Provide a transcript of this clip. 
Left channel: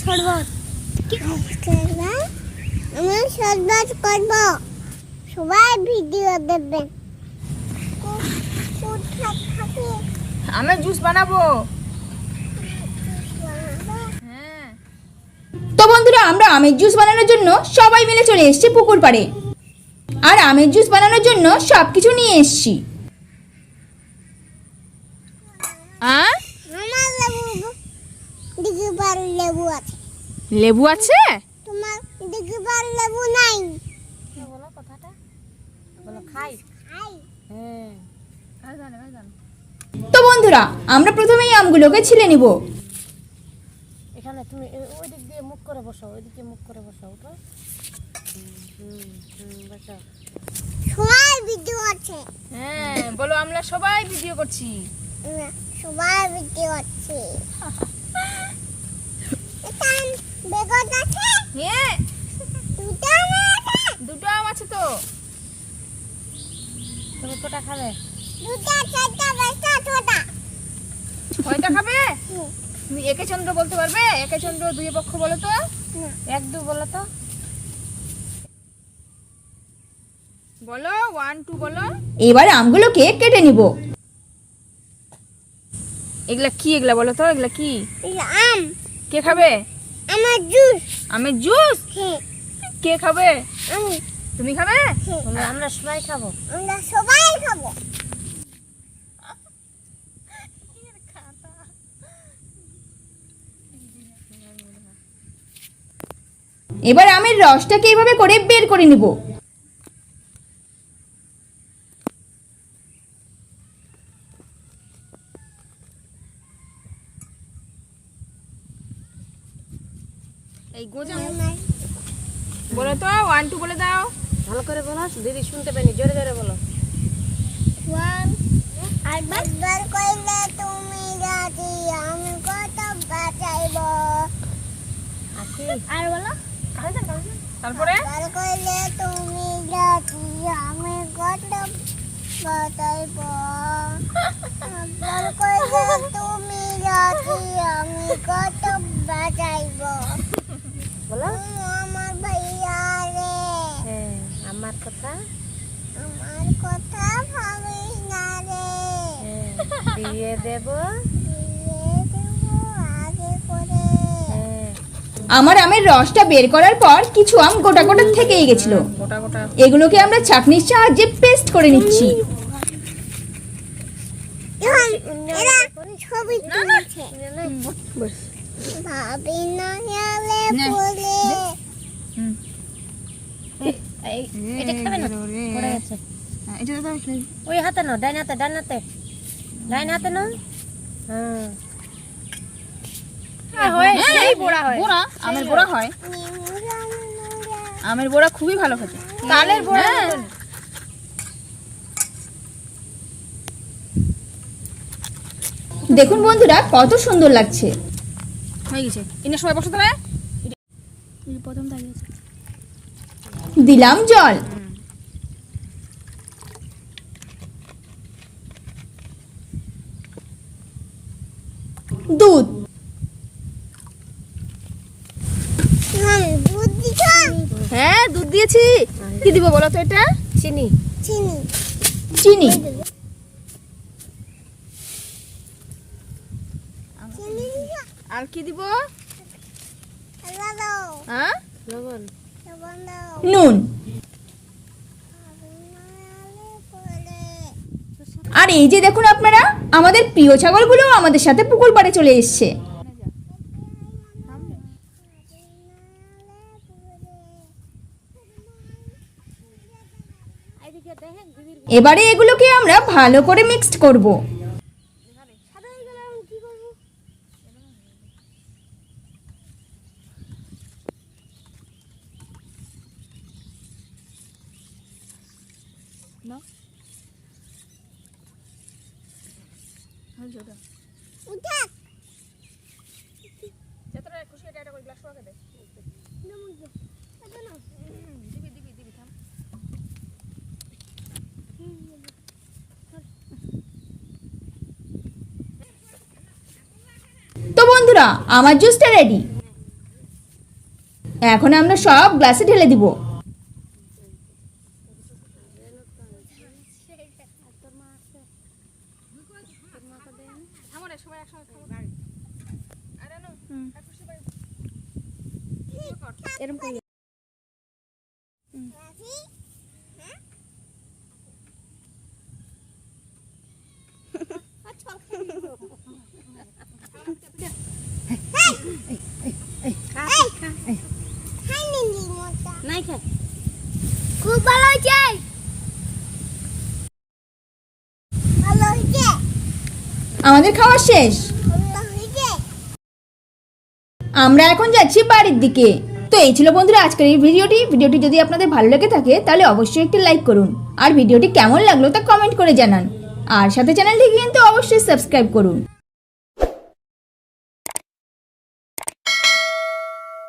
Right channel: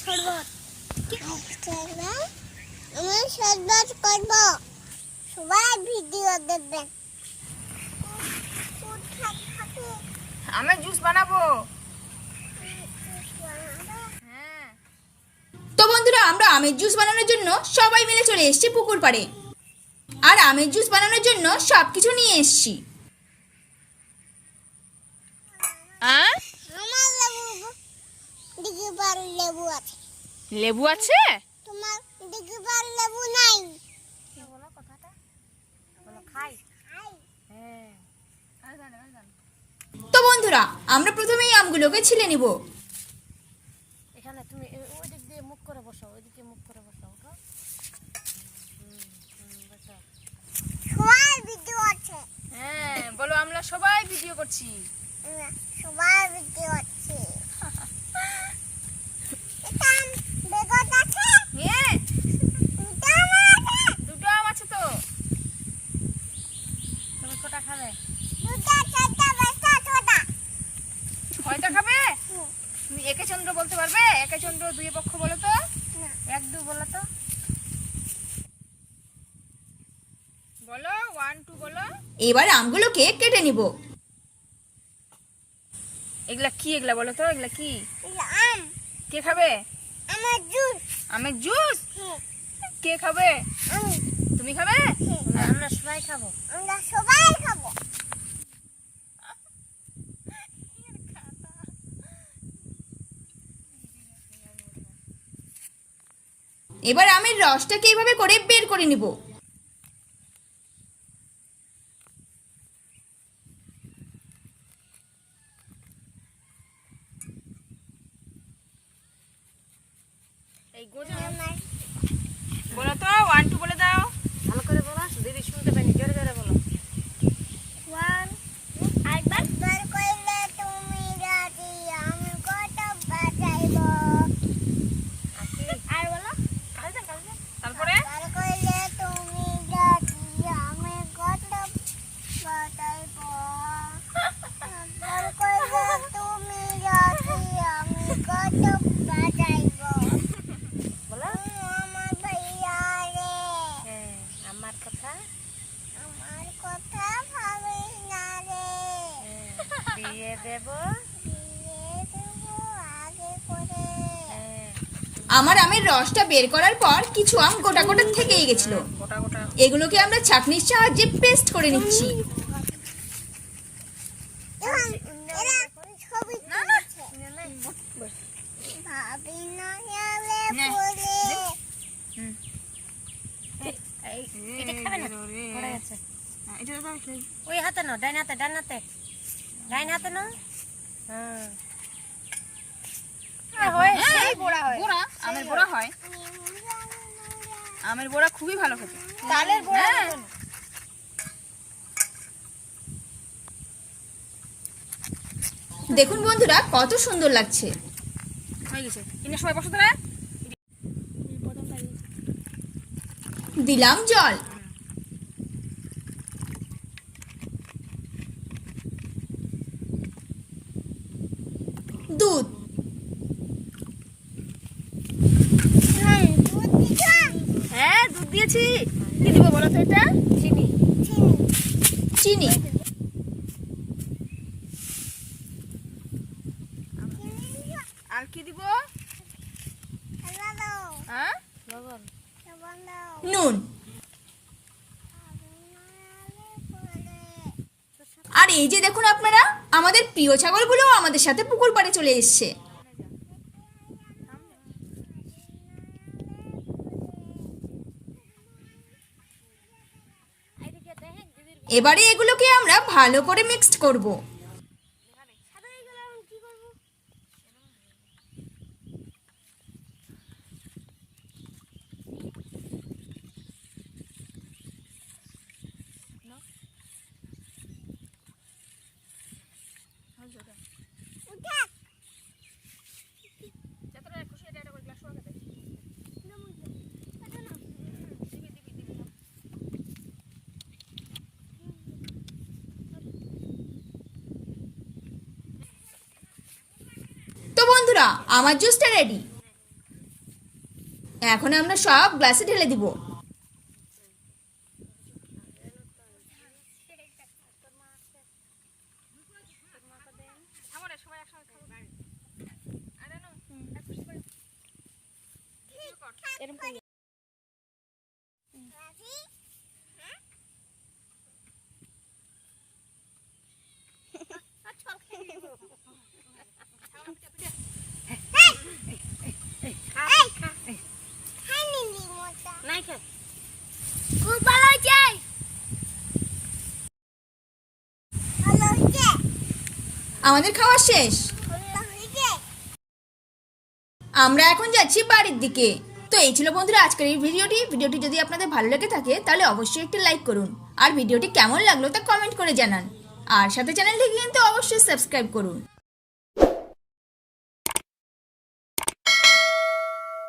শরবত আমি শরবত করব, সবাই ভিডিও দেখবেন। আমের জুস বানাবো। তো বন্ধুরা, আমরা আমের জুস বানানোর জন্য সবাই মিলে চলে এসেছি পুকুর পাড়ে। আর আমের জুস বানানোর জন্য সবকিছু নিয়ে এসেছি। লেবু আছে। লেবু আছে? তোমার দিকে বার লেবু নাই? বলো কথাটা, বলো খাই। তো বন্ধুরা, আমরা প্রথমেই আমগুলোকে ছিলে নিব। এখানে তুমি ওই দিক দিয়ে মুখ করে বসো, ওইদিকে মুখ করে বসো। উঠো, বসো। সবাই ভিডিও আছে। হ্যাঁ বলো, আমরা সবাই ভিডিও করছি। সবাই ভিডিও আছে। বেগুন আছে? হ্যাঁ, দুটো আম আছে তো। তুমি কটা খাবে? দুটো, চারটা, পাঁচটা, ছটা। কয়টা খাবে? তুমি একে চন্দ্র বলতে পারবে? একে চন্দ্র দুই পক্ষ বলো তো। এক দু বলো তো, বলো 1 2 বলো। এবার আমগুলোকে কেটে নিব। এগুলা কি? এগুলা বলো তো, এগুলা কি? এটা আম। কে খাবে? আমার জুস। আমের জুস? হ্যাঁ। কে খাবে? আমি। তুমি খাবে? হ্যাঁ। আমরা সবাই খাবো। আমরা সবাই খাবো। এবার আমের রসটাকে এইভাবে করে বের করে নিব। এই গোজা বলো তো, 1 2 বলে দাও। ভালো করে বলো, দিদি শুনতে পাইনি, জোরে জোরে বলো। একবার কইলে তুমি রাজি, আমি কত বাঁচাইবো। আর বলো। তারপরে একবার কইলে তুমি রাজি, আমি কত বাঁচাইবো। একবার কইলে তুমি রাজি, আমি কত বাঁচাইবো। বলো। আমার ভাইয়া রে, আমার কথা ভাবিস না রে। দিয়ে দেব বিয়ে দেবো আগে করে। আমার আমের রসটা বের করার পর কিছু আম গোটা গোটা থেকেই গেছিল। গোটা গোটা এগুলোকে আমরা চাটনির সাহায্যে পেস্ট করে নিচ্ছি। এরা ছবি তুলছে। ভাবি না গেলে পড়ে। এটা খাবে না? পড়ে গেছে। এটা দাও, ওই হাতে নাও, ডান হাতে, ডান হাতে, ডান হাতে নাও। এই বড়া হয়, বড়া আমের বড়া হয়। আমের বড়া খুবই ভালো খেতে। তালের বড়া দেখুন বন্ধুরা, কত সুন্দর লাগছে। হয়ে গেছে। ইনে সবাই বসো তাহলে। দিলাম জল। দুধ। দুধ দিছ? হ্যাঁ, দুধ দিয়েছি। কি দিব বলো তো? এটা চিনি। চিনি। চিনি। আর কি দিব? লবণ। হ্যাঁ, লবণ। লবণ দাও। নুন। আর এই যে দেখুন আপনারা, আমাদের প্রিয় ছাগলগুলো আমাদের সাথে পুকুর পাড়ে চলে এসছে। এবারে এগুলোকে আমরা ভালো করে মিক্সড করব। তো বন্ধুরা, আমার জুসটা রেডি। এখন আমরা সব গ্লাসে ঢেলে দিব। খুব ভালো হয়েছে, ভালো হয়েছে, আমাদের খাওয়া শেষ। ভালো হয়েছে। আমরা এখন যাচ্ছি বাড়ির দিকে। তো এই ছিল বন্ধুরা আজকের এই ভিডিওটি যদি আপনাদের ভালো লেগে থাকে তাহলে অবশ্যই একটি লাইক করুন, আর ভিডিওটি কেমন লাগলো তা কমেন্ট করে জানান, আর সাথে চ্যানেলটি কিন্তু অবশ্যই সাবস্ক্রাইব করুন।